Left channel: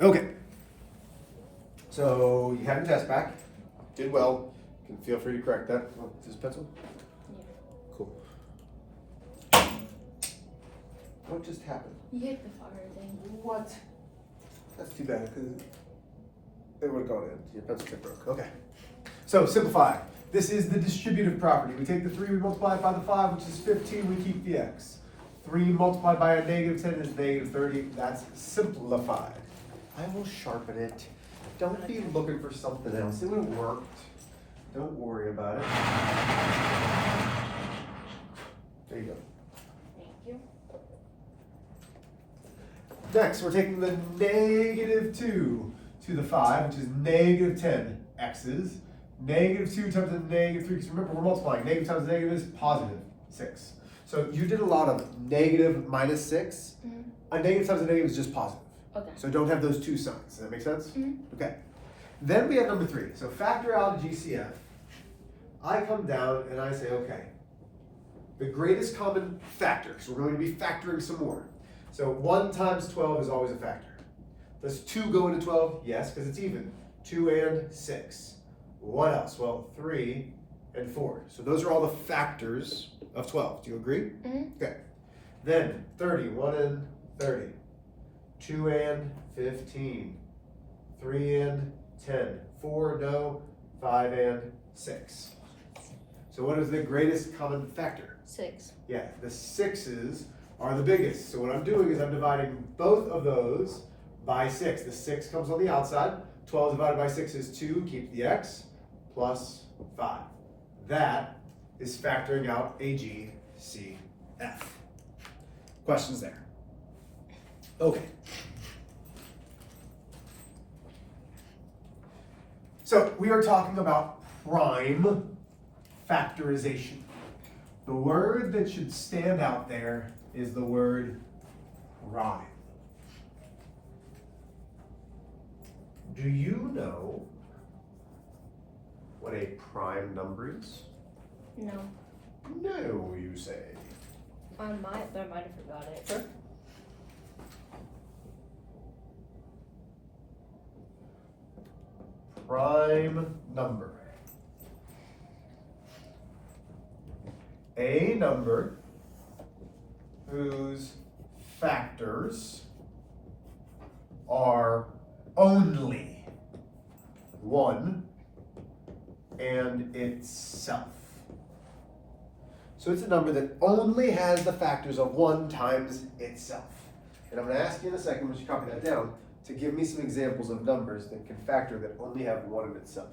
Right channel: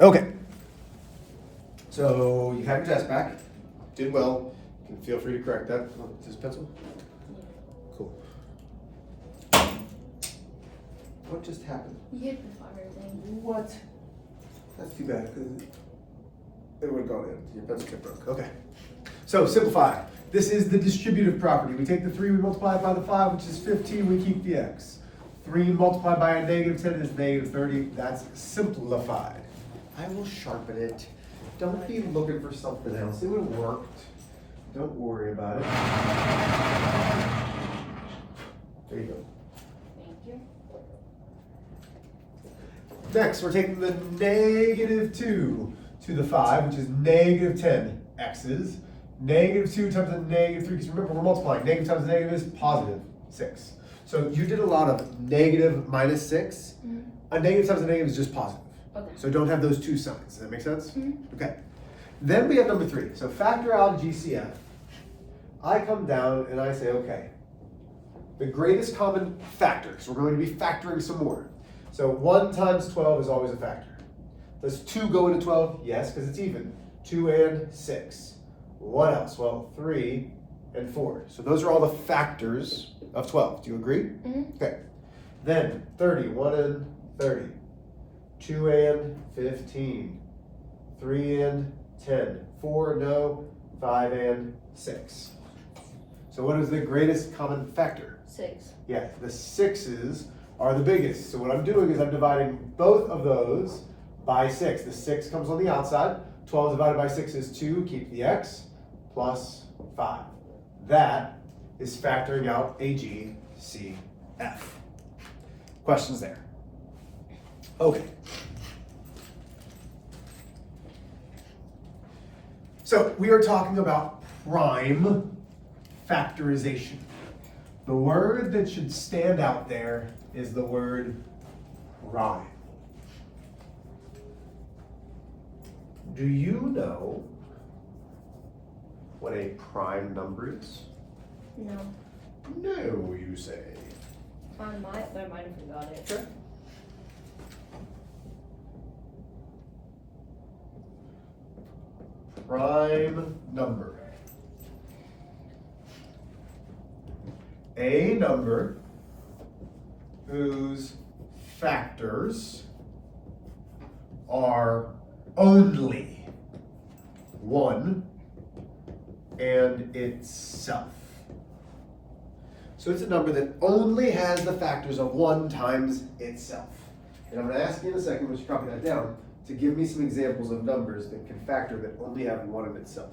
Okay. So you have your test back. Did well. You can feel free to correct that. Oh, is this pencil? Cool. What just happened? You hit the fire thing. What? That's too bad because it would have gone in. Your pencil tip broke. Okay. So simplify. This is the distributive property. We take the 3, we multiply it by the 5, which is 15, we keep the x. 3 multiplied by a negative 10 is negative 30. That's simplified. I will sharpen it. Don't be looking for something else. It would have worked. Don't worry about it. There you go. Thank you. Next, we're taking the negative 2 to the 5, which is negative 10 x's. Negative 2 times the negative 3, because remember we're multiplying. Negative times negative is positive 6. So you did a lot of negative minus 6. Mm-hmm. A negative times a negative is just positive. Okay. So don't have those two signs. Does that make sense? Mm-hmm. Okay. Then we have number 3. So factor out GCF. I come down and I say, okay, the greatest common factor, because we're going to be factoring some more. So 1 times 12 is always a factor. Does 2 go into 12? Yes, because it's even. 2 and 6. What else? Well, 3 and 4. So those are all the factors of 12. Do you agree? Mm-hmm. Okay. Then 30, 1 and 30. 2 and 15. 3 and 10. 4, no. 5 and 6. So what is the greatest common factor? 6. Yeah, the 6's are the biggest. So what I'm doing is I'm dividing both of those by 6. The 6 comes on the outside. 12 divided by 6 is 2. Keep the x. Plus 5. That is factoring out AGCF. Questions there? Okay. So we are talking about prime factorization. The word that should stand out there is the word prime. Do you know what a prime number is? No. No, you say. I might have forgot it. Okay. Prime number. A number whose factors are only 1 and itself. So it's a number that only has the factors of 1 times itself. And I'm going to ask you in a second, once you copy that down, to give me some examples of numbers that can factor that only have 1 in itself.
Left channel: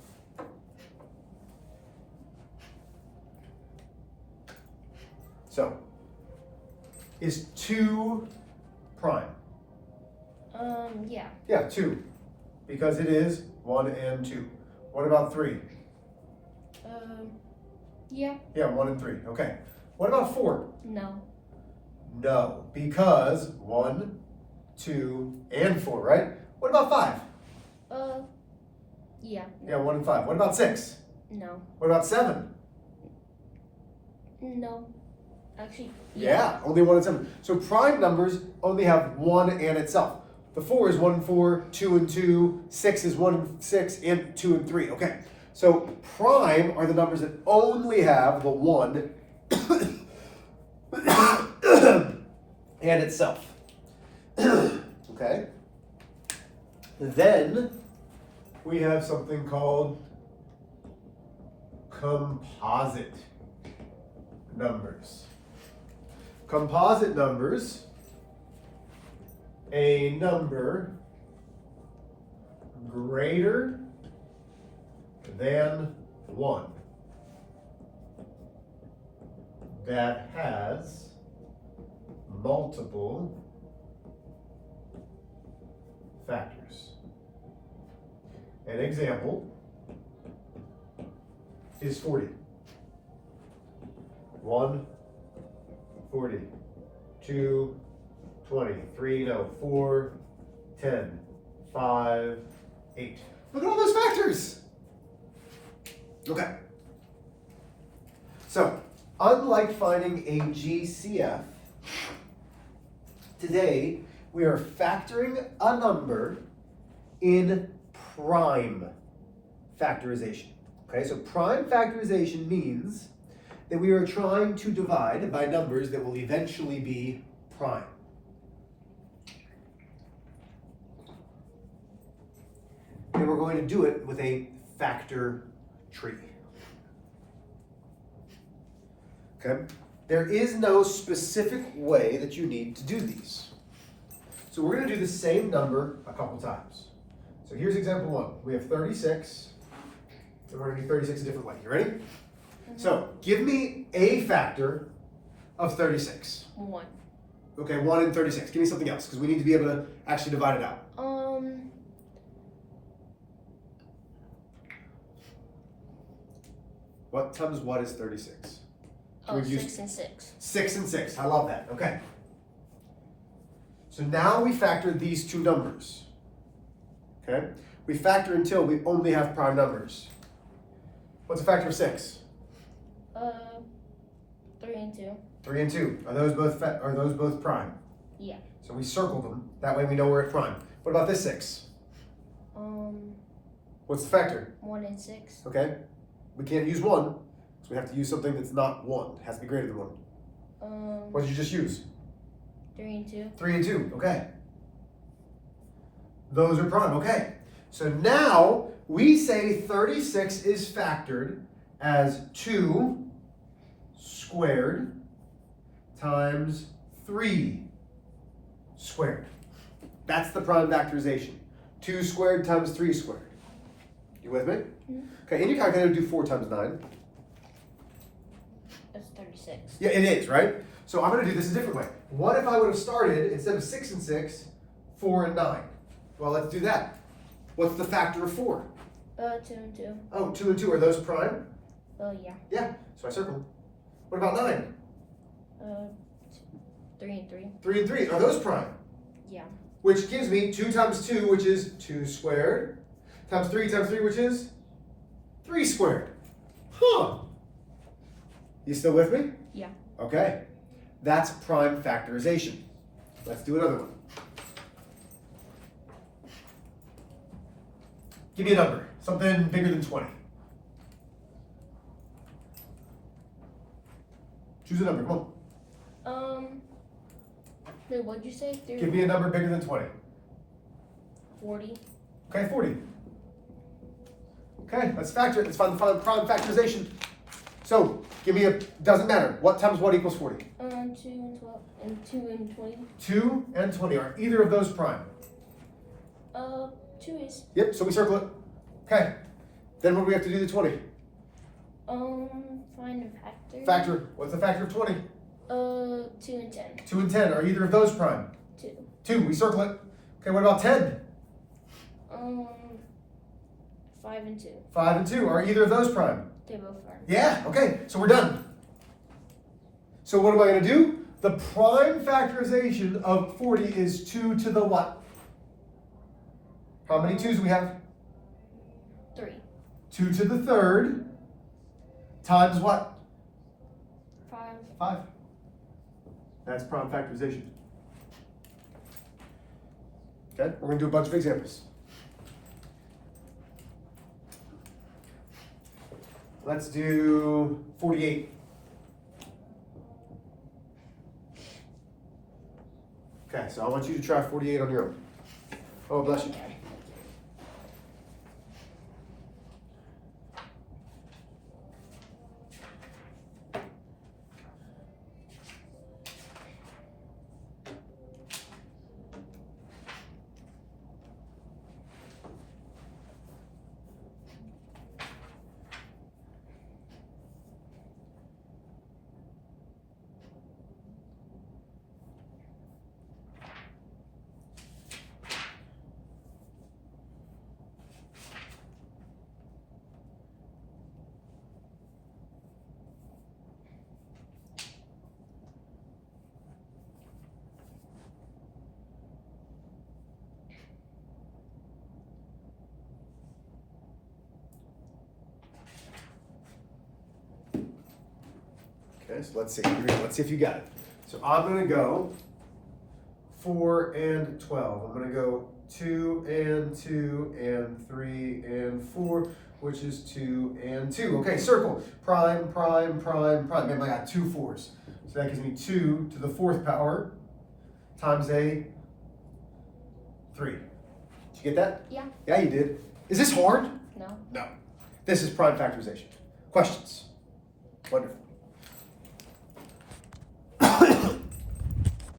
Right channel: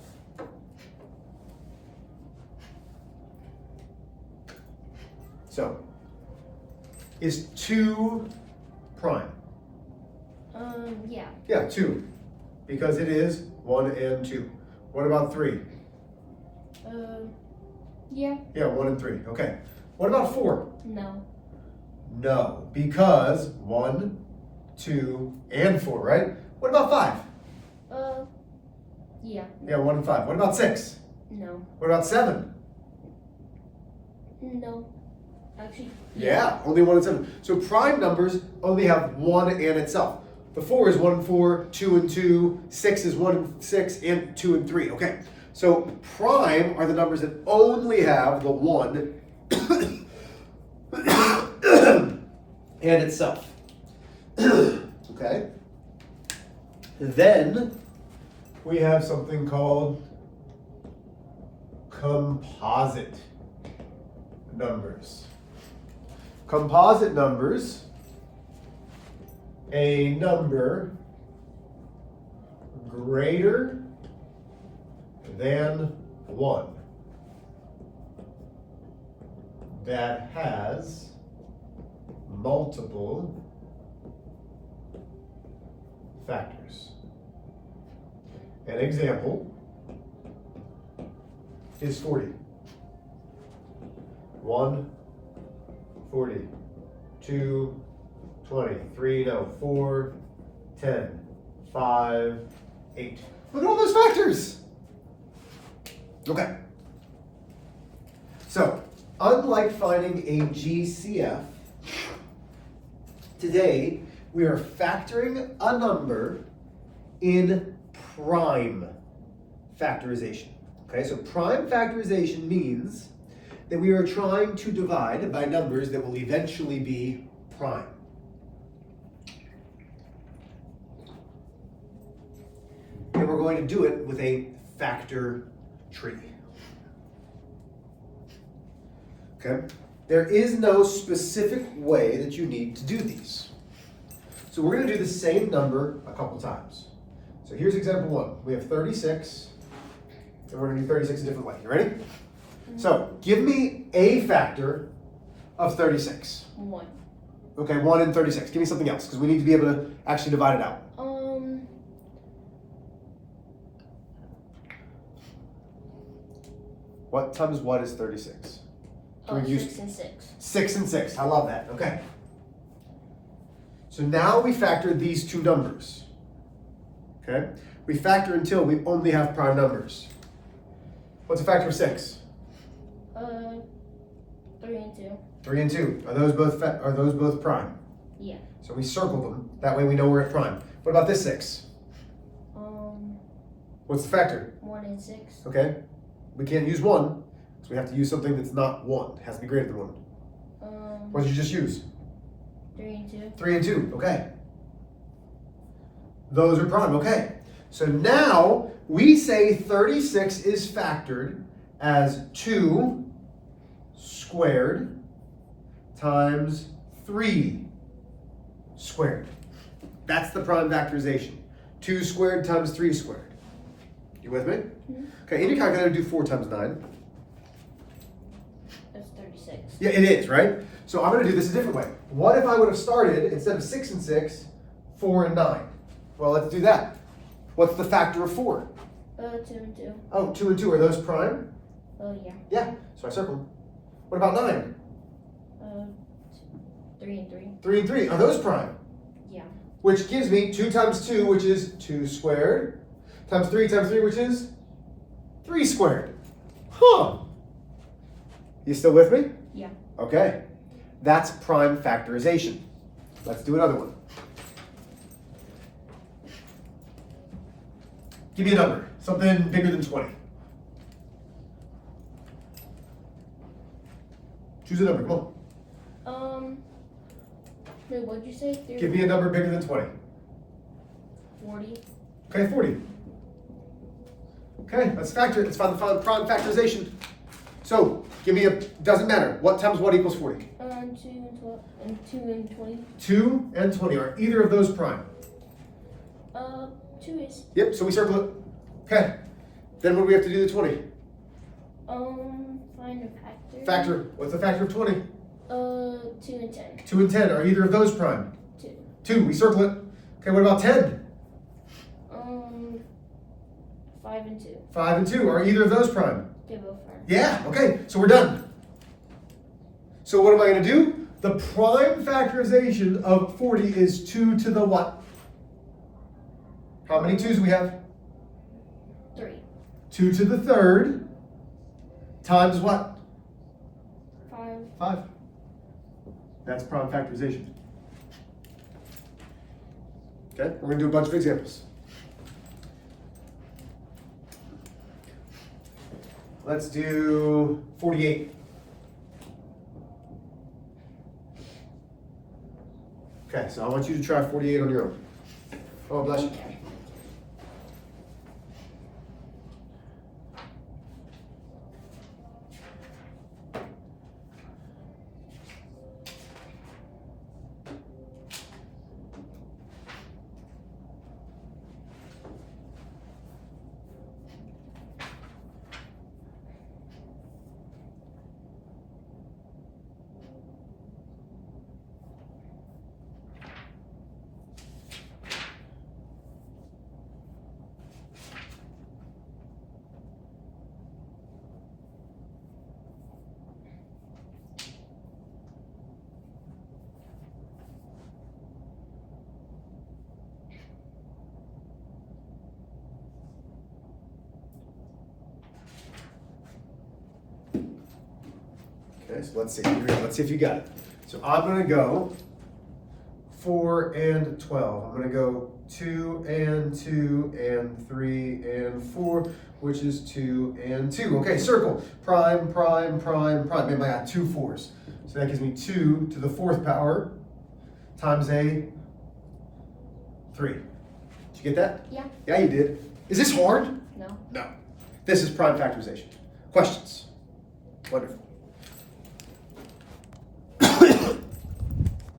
So, is 2 prime? Yeah. Yeah, 2. Because it is 1 and 2. What about 3? Yeah. Yeah, 1 and 3. Okay. What about 4? No. No, because 1, 2, and 4, right? What about 5? Yeah. Yeah, 1 and 5. What about 6? No. What about 7? No. Actually. Yeah, only 1 and 7. So prime numbers only have 1 and itself. The 4 is 1 and 4, 2 and 2, 6 is 1 and 6, and 2 and 3. Okay. So prime are the numbers that only have the 1 and itself. Okay? Then we have something called composite numbers. Composite numbers, a number greater than 1 that has multiple factors. An example is 40. 1, 40, 2, 20, 3, no, 4, 10, 5, 8. Look at all those factors. Okay. So, unlike finding a GCF, today we are factoring a number in prime factorization. Okay, so prime factorization means that we are trying to divide by numbers that will eventually be prime. And we're going to do it with a factor tree. Okay? There is no specific way that you need to do these. So we're going to do the same number a couple times. So here's example 1. We have 36, and we're going to do 36 a different way. You ready? So give me a factor of 36. 1. Okay, 1 and 36. Give me something else, because we need to be able to actually divide it out. What times what is 36? Oh, 6 and 6. 6 and 6. I love that. Okay. So now we factor these two numbers. Okay? We factor until we only have prime numbers. What's a factor of 6? 3 and 2. 3 and 2. Are those both prime? Yeah. So we circle them. That way we know we're at prime. What about this 6? What's the factor? 1 and 6. Okay. We can't use 1, so we have to use something that's not 1. It has to be greater than 1. What did you just use? 3 and 2. 3 and 2. Okay. Those are prime. Okay. So now we say 36 is factored as 2 squared times 3 squared. That's the prime factorization. 2 squared times 3 squared. You with me? Okay, in your calculator, do 4 times 9. That's 36. Yeah, it is, right? So I'm going to do this a different way. What if I would have started, instead of 6 and 6, 4 and 9? Well, let's do that. What's the factor of 4? 2 and 2. Oh, 2 and 2. Are those prime? Yeah. Yeah, so I circled. What about 9? 3 and 3. 3 and 3. Are those prime? Yeah. Which gives me 2 times 2, which is 2 squared, times 3, which is 3 squared. Huh. You still with me? Yeah. Okay. That's prime factorization. Let's do another one. Give me a number. Something bigger than 20. Choose a number. Come on. What'd you say? Give me a number bigger than 20. 40. Okay, 40. Okay, let's factor it. Let's find the prime factorization. So, give me doesn't matter. What times what equals 40? 2 and 12, and 2 and 20. 2 and 20. Are either of those prime? 2 is. Yep, so we circle it. Okay. Then what do we have to do to 20? Find a factor. Factor. What's the factor of 20? 2 and 10. 2 and 10. Are either of those prime? 2. 2. We circle it. Okay, what about 10? 5 and 2. 5 and 2. Are either of those prime? They both are. Yeah, okay, so we're done. So what am I going to do? The prime factorization of 40 is 2 to the what? How many 2's do we have? 3. 2 to the third times what? 5. 5. That's prime factorization. Okay, we're going to do a bunch of examples. Let's do 48. Okay, so I want you to try 48 on your own. Oh, bless you. Okay, so let's see. Let's see if you got it. So I'm going to go 4 and 12. I'm going to go 2 and 2 and 3 and 4, which is 2 and 2. Okay, circle. Prime, prime, prime, prime. Man, I got 2 4s. So that gives me 2 to the 4th power times a 3. Did you get that? Yeah. Yeah, you did. Is this hard? No. No. This is prime factorization. Questions? Wonderful.